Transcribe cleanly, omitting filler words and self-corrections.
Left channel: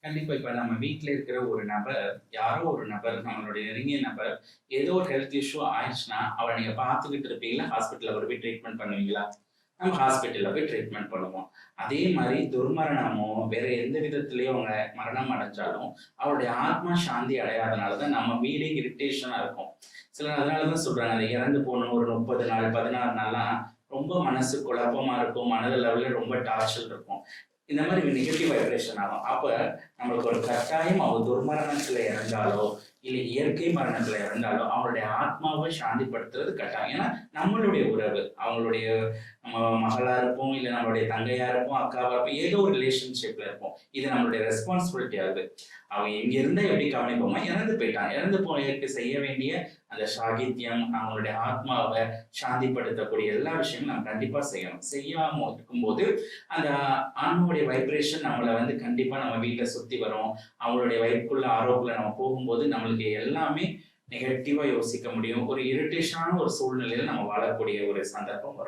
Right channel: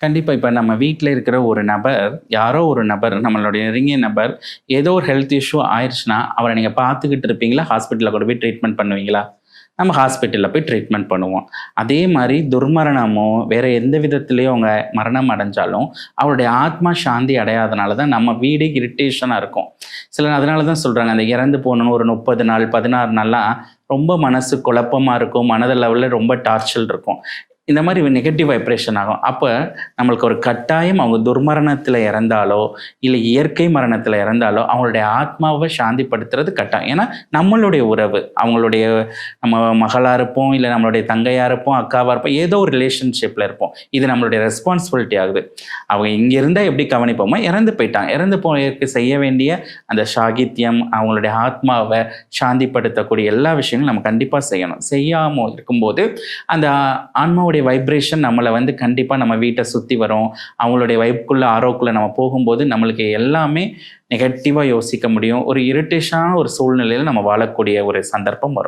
கண்டிப்பா. இப்ப நம்ம வீட்ல இருக்கிற ஒரு நபர், யாரோ ஒரு நபர், நம்மளுடைய நெருங்கிய நபர், ஏதோ ஒரு ஹெல்த் இஷ்யூ ஆயிருச்சுன்னா, அவர நீங்க பார்த்துக்கிட்டு இருப்பீங்களா? ஹாஸ்பிட்டல்ல கொண்டு போய் ட்ரீட்மெண்ட் பண்ணுவீங்களா? நம்ம ஹாஸ்பிட்டல்ல போய் ட்ரீட்மெண்ட் பண்ணுவோம். அதே மாரி துர்மரணமோ, வேற எந்த விதத்திலயும் அவங்க மரணம் அடைஞ்சாலும், அவருடைய ஆத்மா சாந்தி அடையாதனால தான் நம்ம வீடே இரிட்டேஷனா இருக்கும். சிலர் அதனால தான் சொல்றாங்க, அந்த இறந்து போனோன ஒரு 30 நாள், 16 நாள்லாம் ரொம்ப மனசு குழப்பமா இருக்கும். மனதளவுல ரொம்ப டார்ச்சல் இருக்கும். இந்த மாரி நெகட்டிவ் வைப்ரேஷன் ஆகும். அப்ப நம்மளுக்கு ஒரு கட்டாயம் அவங்க துர்மரணத்தில இறந்தாலோ, இல்ல இயற்கை மரணத்தில இறந்தாலோ, அவங்களுடைய ஆத்மாவ சாந்திப்படுத்துறது கட்டாயம். ஏன்னா, நம்மளுடைய உறவு. அவங்களுடைய நம்ம மகளா இருப்போம், இல்ல நம்மளுடைய தங்கையா இருப்போம், அக்காவா இருப்போம். ஏதோ ஒரு ரிலேஷன்ஷிப்ல இருப்போம். இது நம்மளுடைய ரெஸ்பான்சிபிலிட்டி ஆகுது. அவங்க இங்க இருந்தா எப்படி கவனிப்போமோ, இறந்து போயிட்டாங்க. இறந்து போயவருக்கு செய்ய வேண்டிய அந்த சாகித்யம், அவங்களுடைய ஆத்மாவ சாந்திப்படுத்தக்கூடிய எல்லா விஷயங்களும் நம்ம கண்டிப்பா செய்யணும். செய்யாம இருக்கும்போது, அந்த ஆன்மாவுடைய வைப்ரேஷன் நம்மள வந்து கண்டிப்பா நம்ம வீட்ட சுத்தி வரும். அவங்களுடைய வைப்க்குள்ள, ஆரோக்குள்ள நம்ம போகும்போது, நம்மளுக்கு எல்லாமே நெகட்டிவா யோசிக்க முடியும். ஒரு இரிட்டேஷனான ஒரு சூழ்நிலையில நம்ம வாழக்கூடிய ஒரு சந்தர்ப்பம் வரும்.